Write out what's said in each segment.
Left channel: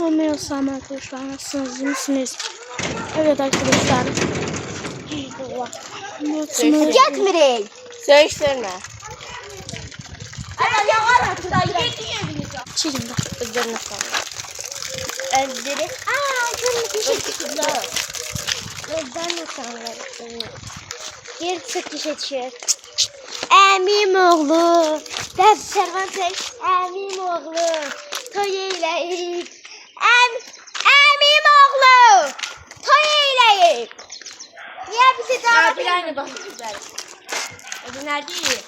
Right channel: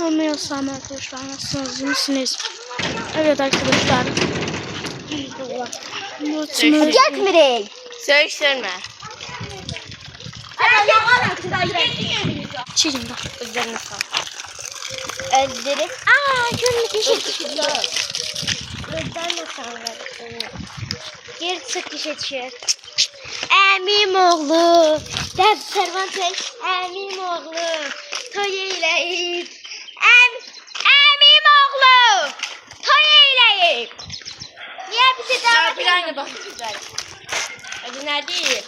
Olmuyorsam arkadaşlar nasılsınız? Misiniz? Evet arkadaşlar. Getmirey. Söğüşlerine. Çiğdim de. Üzerine sağ. Ezdirip. Şunu kişi. Ben de sanırım. Geri çık kişi düşür. Əmim oğlu. Dəb Sərvanteş. Əmim oğlu. Toy eləyib. Əmim oğlu. Toy eləyib. Niyə bizi davet Bir aynı bakın güzel. Hadi nerede?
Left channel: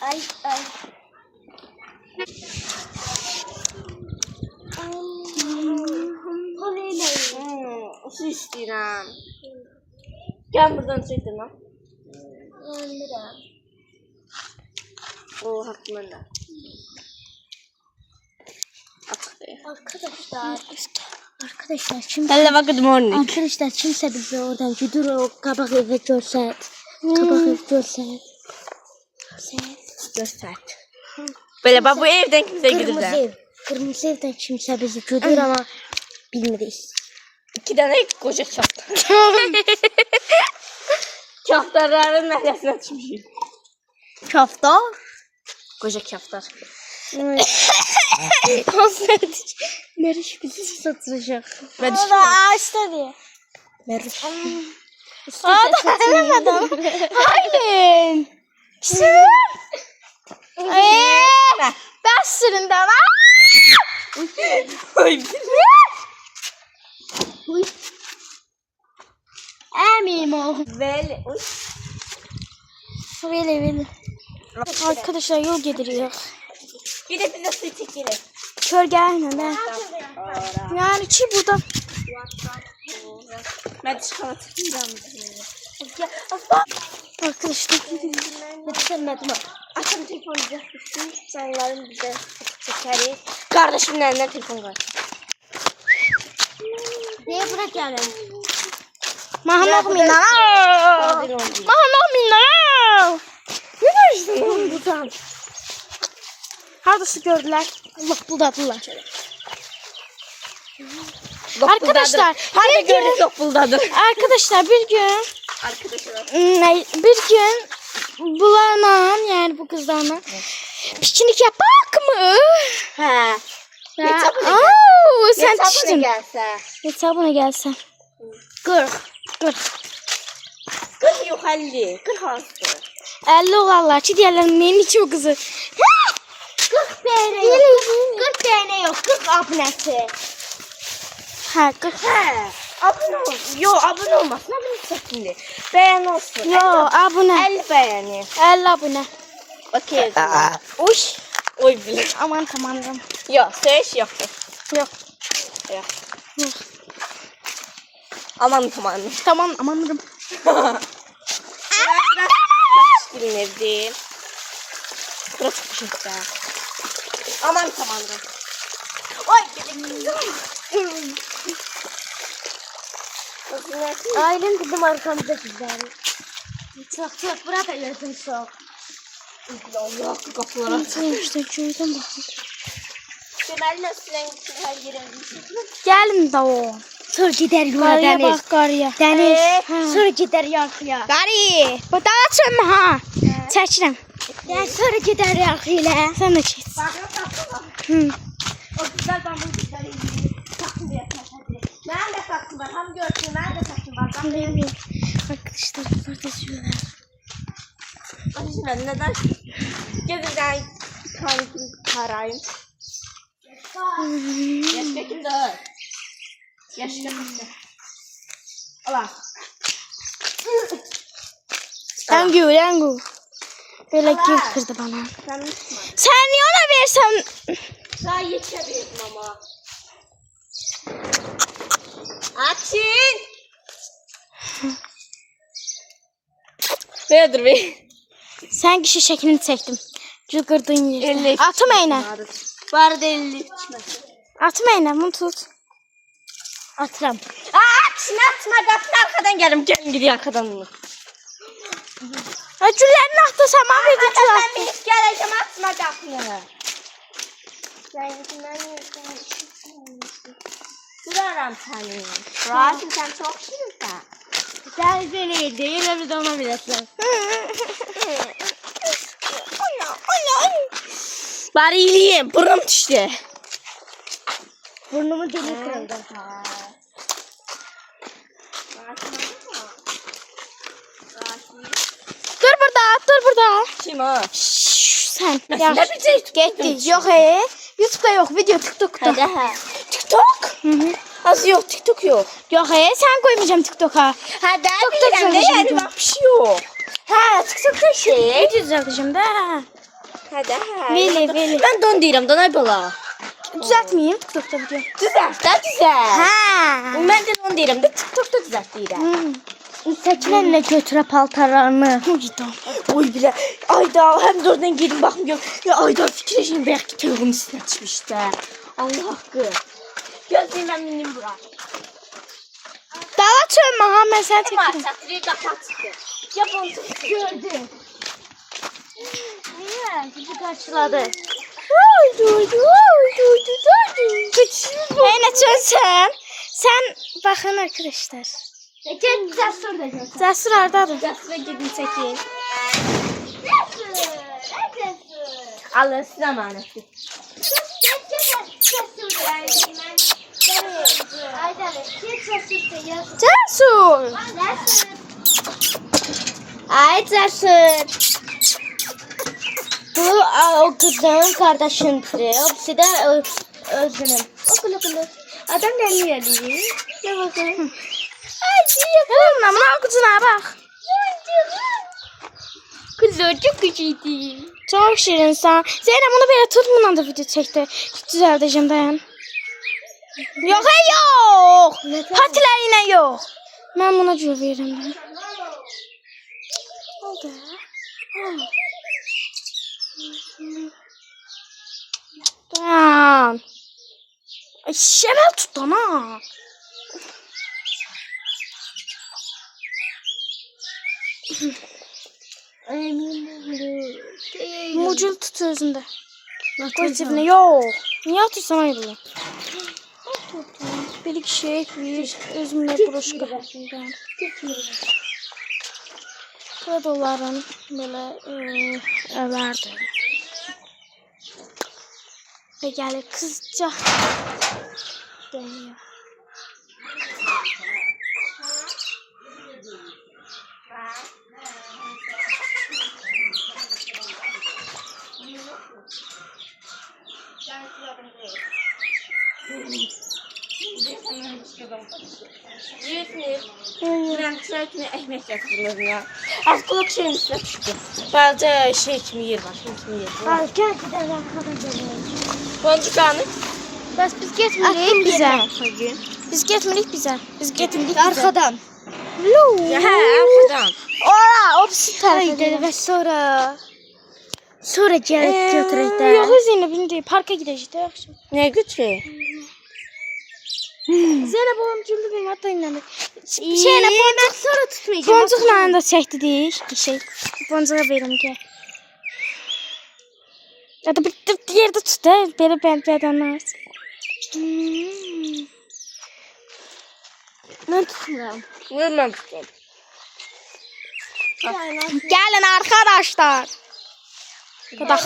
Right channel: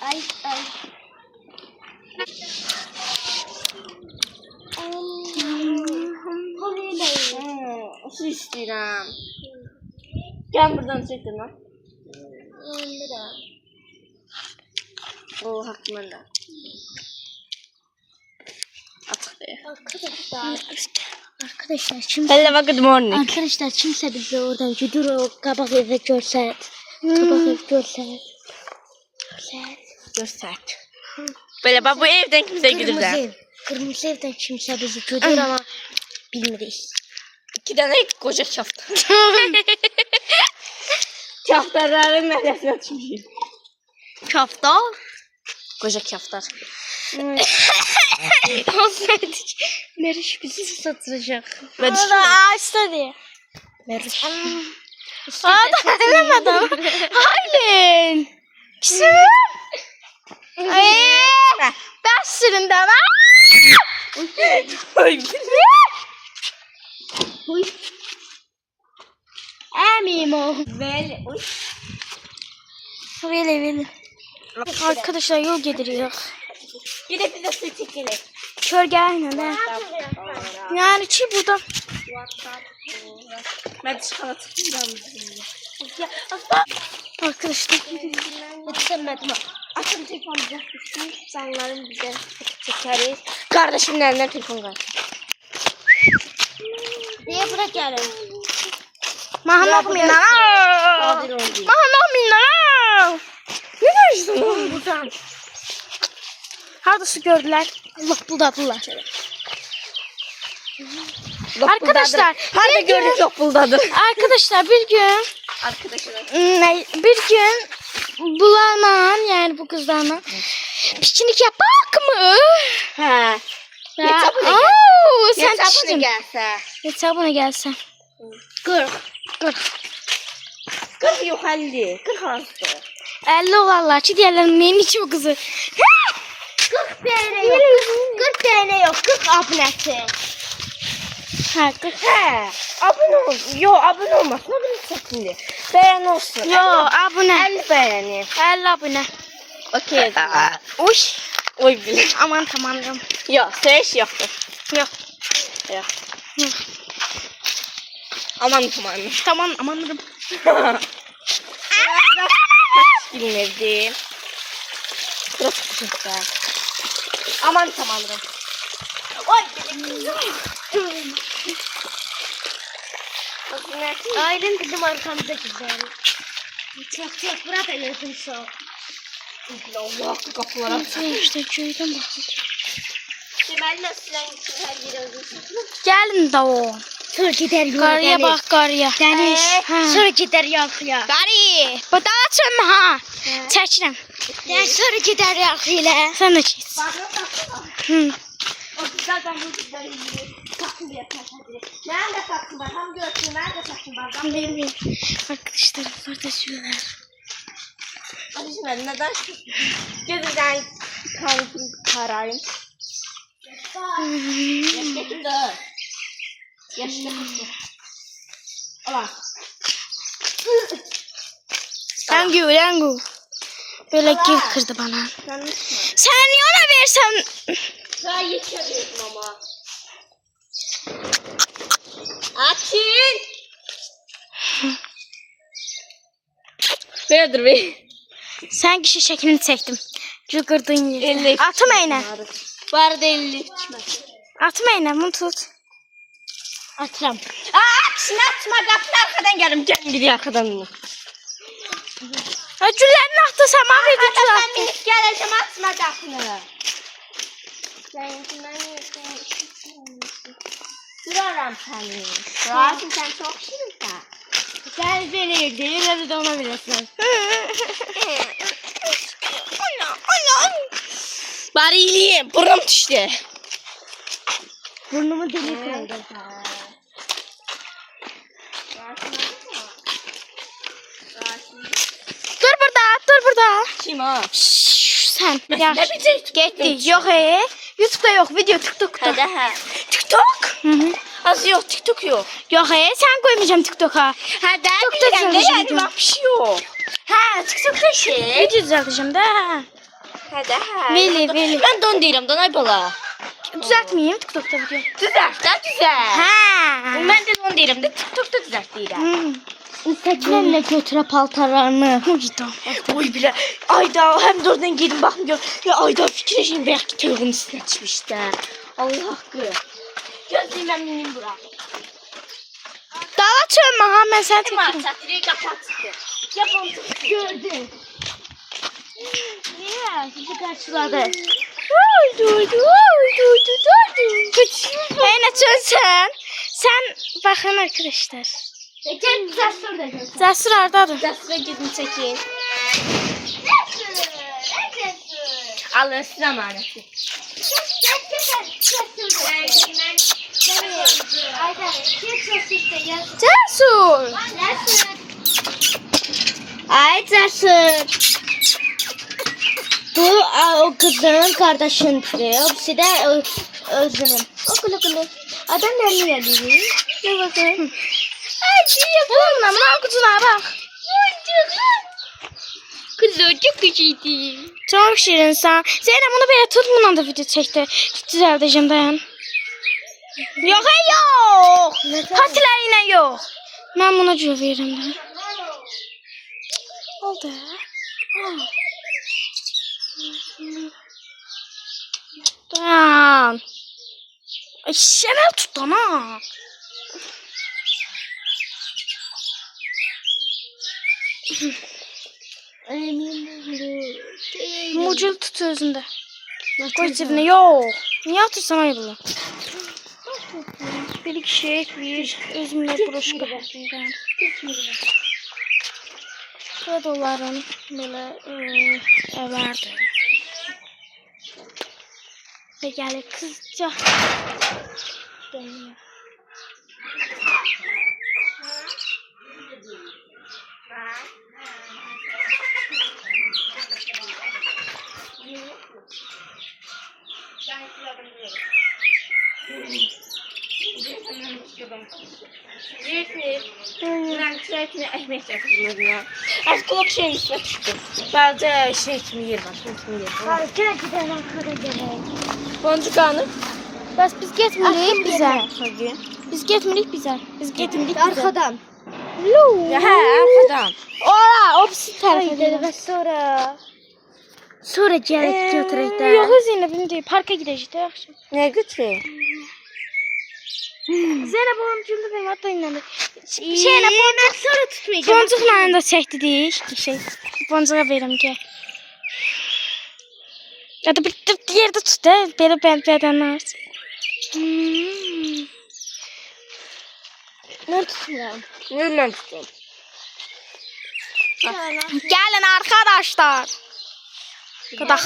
Ay ay. Su istiyorum. Gel buradan çektim lan. O hakkında. Arkadaşlar kim? Hello good morning. Arkadaşlar kimse bizi oradan güdür o kabak evi görsət. Kabak evi görsət. Göster. Böyle bak bu evden kimse gidiyor. Ev. Kırmızı evden kimse bizi güdür ama bilmiyoruz. 2 tane koca çaftar. Çaftarların neresine açmışım. Kafta. Koca çaftar. Meriç bizi satacak. Ağaçta diye. Meriç. Aa da demedim. Aynen. Ben süründüm. Əmim oğlu. Böyle. Oy. Böyle. Arkadaşlar yol gidiyor. Gidip bize su çekelim. Kölge aynen he. Yani ki burada. Ben çikolata Arkadaşlar. Yetişemedim. Açın telefonu düzeltmişsin. Canlarım bize çekeriz. Kardeşimin elinden telefon var. Niye bırak gelin? Mahmut Minna. Mahmut Minna. Ne buradan? Hardası gördüler. Allah buldadılar. Arkadaşlar Hadi gördük yok buldadır. Arkadaşlar bir gün bulanam yani bu kızlarla piknik yapak mı? He. Sen Hesabına piştin. gelse. Hesabına gelse. 40. 40 yok 50. 40 hasta. 50 olarlar ki diğerlerinin neyin içi bu kızı? 40 TL yok. 40 TL yok. 40 abonesi. Ha 40. He. Abone ol. Yo abone olmasın. Abone şimdi. Beğen olsun. Yo abone. 50 beğeni. 50 abone. Okey. Uy. Oy bile. Aman tamamım. Yok seç yoktu. Yok. Yok. Yok. Aman tamam. Tamam amanladım. Kaç bilmedi. Kırık çıktı. Aman tamam. Oy. Ailem bizim arkamızda güzel. Çok bırak elini çok. Allah kapılara. İşte köyden bakın. Ben nasıl güzel gireceğim. Gelin de o. Sonra gider yola Karıya bak karıya. Deniz. Ha. Sonra gider yakıya. Gari. Bu da açın ha. Çekilin. Sonra gider yakıyla. Sen de çek. Hı. O güzel ben bu güzel taktım diye taktım. Nerede taktım ben? Tam görsün nerede taktım ben? Arkadaşlar bunlar da sürüyorlar. Arkadaşlar neden gözümden karayım? Yaş götürdü. Yaş götürdü. Allah. Lengu. Böyle gül kırdı bana. Sen niye ona versen? Daha yetişemiyorum ama. Açın. Nedir be? Sen kişi şeklini çektim. Şu kırdığın yeri. Elle Atım eğne. Var da 50 içmez. Atmayın bunu tut. Atıram. Açma qapını arxadan gəlim. Gəlin gidiyor arxadan bunu. Ha güllərini atdı sama verdi Ben gül. minip gələcəm açma qapını. Mən duraram səni. Durarsın sən çox şirinsən. Gel beni değil öyle de ona bilesin. Bari iyiliyim. Buram düştü. Burnumu delik kırdı. Dur burada. Kim o? Şşş, sen. Ne Yaş. bilecek? Getdik. Yok YouTube'da yok, video TikTok'ta. Hadi ha. TikTok? Hı. Az yok, TikTok yok. Yok sen koymayacağım TikTok'a. Ha ben TikTok'ta bilirəm ne yani düzəltəcəm. bak bir şey yok. Ha TikTok'ta şey. Video düzəltəcəm də. Hadi ha. Veli. Ben don deyirəm, donay bala. Düzəltməyim TikTok'ta video. Düzelt da düzelt. Ha. Ben de don deyirəm de TikTok'ta düzelt deyirəm. Saçlarına götüre paltarlarını. Oy bile. Ayda hem de oradan gelin bakın gör. Ya Ayda fikirleşin belki tövbenin üstüne çıkmış da. Allah hakkı. Gözlüğümden minim bura. Dala çölmə ha, mən səni Ama çəkirəm. çatırıyı kapattı. Ya bunu gördüm. Niye? Sizi karşıladı. Eyne çölsən. Sən baxın arkadaşlar. Gel Cesur da gel. Cəsur hardadır? Cesur'a gidin çekin. Allah'ın size emaneti. Cəsur. Ay Cesur. Bu o kızın kardeşindir. O birisi de özünün. Okulu. Adam ne yapıyor? Ne bakın. Hemen buna kucuna bak. Kızı çok küçüydü. Çok şirinsən. Zeynep bunu belə tut, bununla da video çəkdi. Düzəldəcəm dayan. Yox, yox. Patilərlə yox. Mən buna cür verirəm də. Oldu. Dayan. Ay, sən əl tut da, ha. Mucul tut özündə. Qoy cibinə. Yox. Niyə atırsan ayrıla? Bir şey, bir özümlə broşka. Burada onların belə vardı. Və gəlir qızca. Gəlir. Ekmek yaptım ya. Artık şeyin üstüne düştü. Sadece şey kimi yer var. Kimi yer var. Gel gidelim arkada gelelim. Boncuk hanım. Bəs biz getmirik bizə. Biz getmirik bizə. Biz getmirik bizə. Arkadan. Ya he arkadan. Ora, o pis tərəfə Haydi gedir. ve sonra gelip götürek de. Yox, Zeynep indi. Parka gedəcək də yaxşı. Ne götürüyor? Zeynep oğlum güldü benim hatta inandı. Şeylə boncuk Sonra tutmayacağım. boncukla da çəkdik. Şey, boncuğa verim ki. Ya da bir yerde tut da belə bədənlər. Ne tutuyorum? Nereden tutayım? Gəlin arkadaşlar. Qadaq.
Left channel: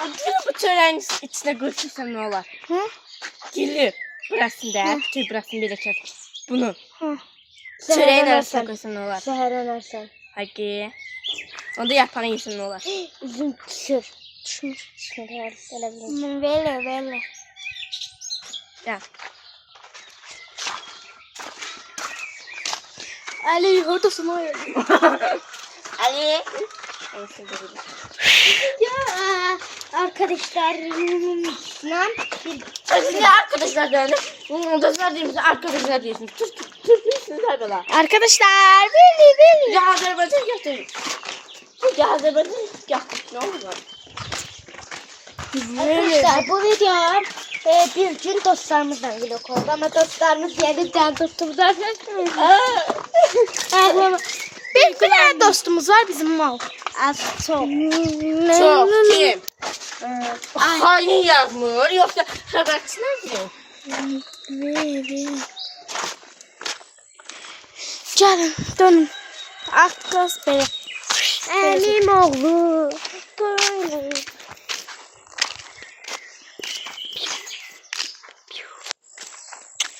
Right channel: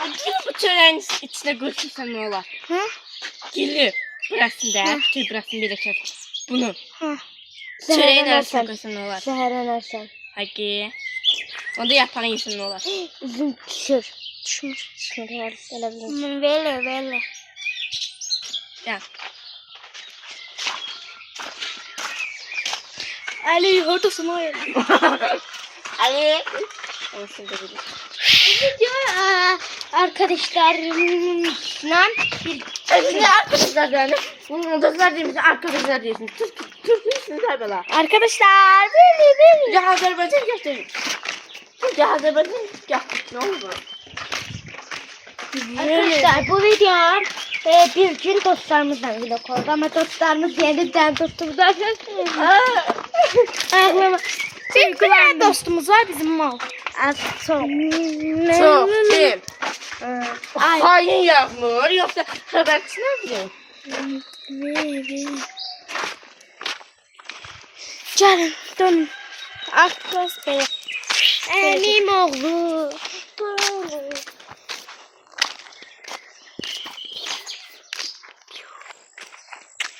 Acaba bu törenin içine götürsem ne olur? Hı? Gelir. Burasında. Tüy burasını bile kes. Bunu. Hı. Törenin arasına koysam ne olur? Seher enersen. Hadi. Onda yapan yesin ne olur? Üzüm pişir. Düşmür. Seher gelebilir. Belə. Gel. Ali hordasın o ya. Ali. Ya arkadaşlar lan Şimdi arkadaşlar yani. Dostlar değil misin? Arkadaşlar değilsin. Türk'ünsünüz her bala. Arkadaşlar böyle. Ya Azerbaycan gösterin. Ya Azerbaycan gösterin. Ne oldu? Arkadaşlar bu video bir gün dostlarımızla bile koyduk ama dostlarımız yeniden dostumuz Bir tane dostumuz var bizim mal. az çok. Çok kim? Hain yazmır yoksa haberçi ne bileyim? Gelin dönün. Aklas bey. Elim oğlu.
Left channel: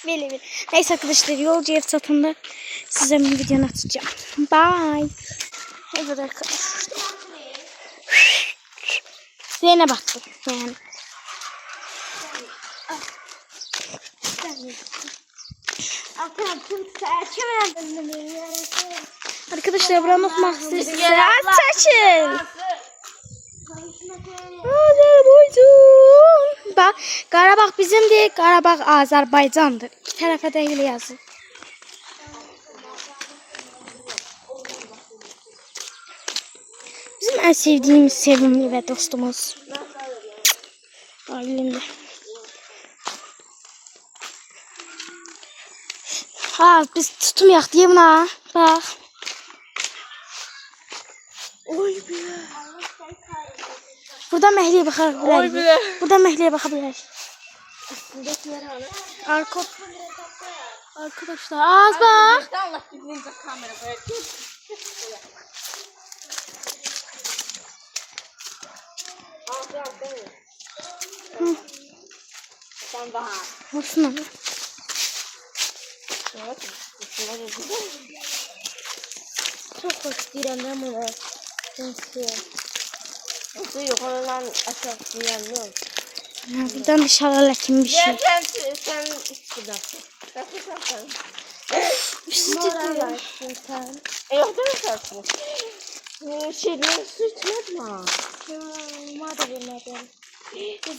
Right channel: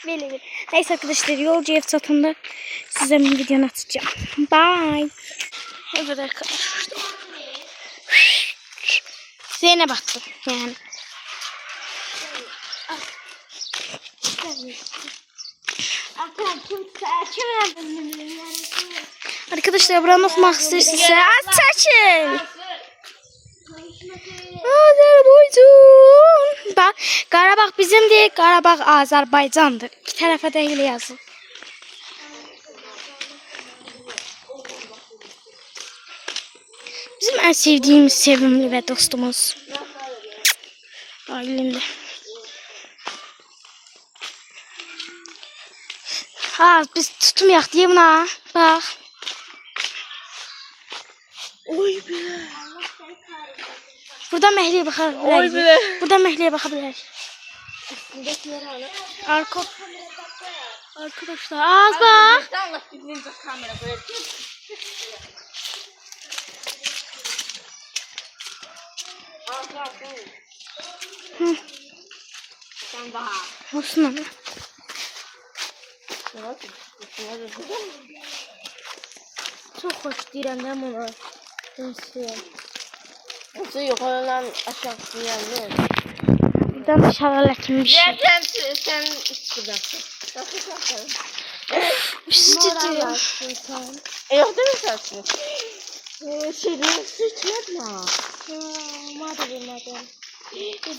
Böyle bir. Neyse arkadaşlar yolcu ev satında size bir videonu atacağım. Bye. Evet arkadaşlar. Zeynep baktım yani. Arkadaşlar buranı okumak istiyorsanız seçin. Azerbaycan. Bak Qarabağ bizim değil, Qarabağ Azerbaycan'dır. İki tarafa da öyle yazın. Bizim en sevdiğimiz sevimli ve dostumuz. Ailinde. Ha biz tutmayak diye buna. Bak. Oy be. Burada mehliye bakabiliriz. Oy be. Burada mehliye bakabiliriz. Arkadaşlar az bak. Allah birbirinize kamera böyle. Sen daha. Olsun ama. Çok hoş değil ama. Nasıl yukarıdan aşağı duyuyor. Buradan dışarılakin bir şey. Sen şuradan. Siz tutuyor. Yok değil mi sensin? Şeyleri su içmedin. Hadi bilmedim.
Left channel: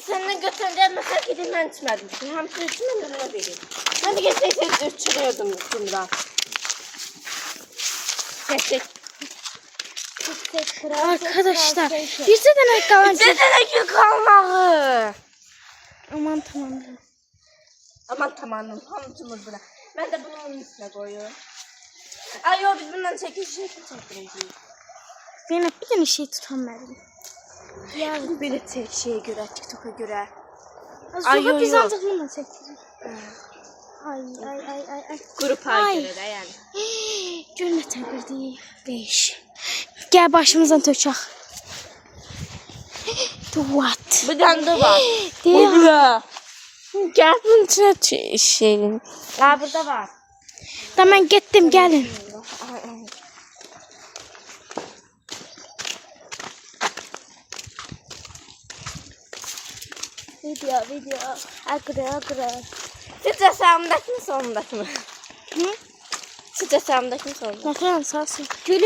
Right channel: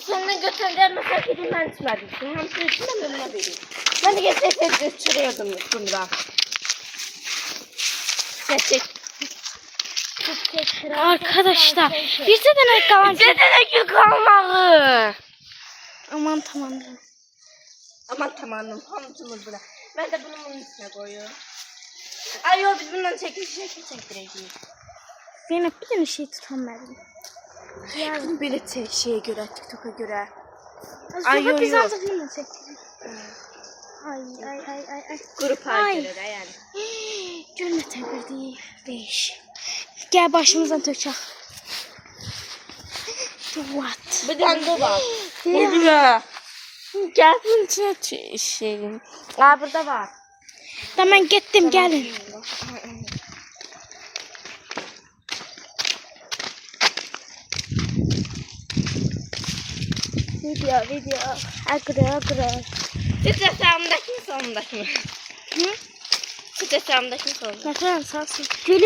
Seninle götüreceğim mesela gidin ben içmedim. Hem su içmedim ne bileyim. Ben de getirseydim içiriyordum sonra. Gerçek. Arkadaşlar bir tane kalan. Yetenek kalmalı. Aman tamam. Aman tamam hamıcımız buna. Ben de bunu bunun üstüne koyuyorum. Ay yok biz bundan çektireceğiz. Zeynep bir tane şey tutamıyorum. Yani böyle şeye göre TikTok'a göre. Ay yo, biz yo. artık bunu çekelim. Ay. Grup Ay. göre de yani. Cümlete bir değil. Beş. Gel başımızdan töçək. What? Bir tane de var. Değil. Gel bunun içine şeyin. Aa burada var. Tamam gittim gelin. Video. Arkadaşlar. Süt hesabımdaki mi sonundaki mi? Hı? Süt hesabımdaki mi sonundaki? Bakın sağ olsun. Gülü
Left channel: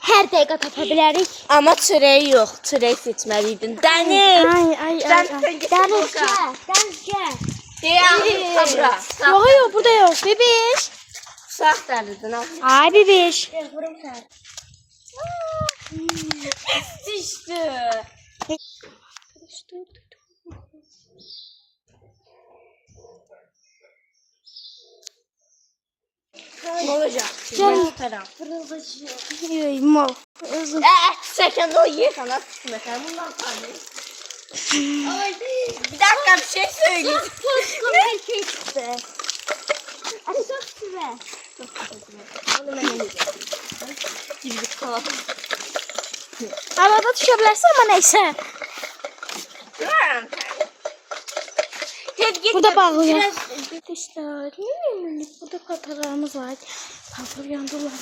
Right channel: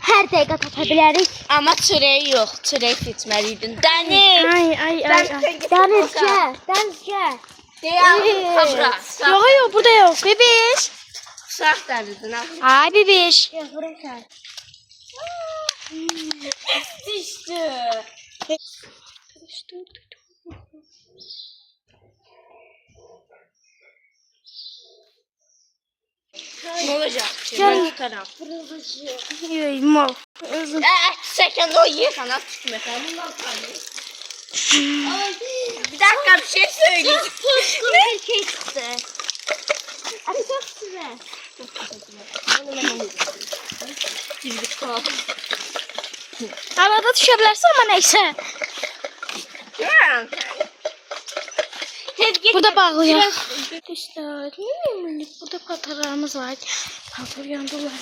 her dakika tapabiliriz. Ama çöreği yok. Çöreği seçmeliydin. Deniz. Ay. Denizce. Deyəm kamera. Yok burada yok. Bebiş. Sağ derdin ha. Ay bebiş. İşte. Ne olacak? Canım. Taraf. Mal. Özüm. Çeken o ye sana tutmuyor. Bundan tanıyor. Bir dakika bir şey söyleyeyim. Ne keçti? Çok güzel. Gibi kal. Havada düşebilirsin ama neyse. Burada bağlıyor. Arkadaşlar burada patalarımız var. Patır yandılar.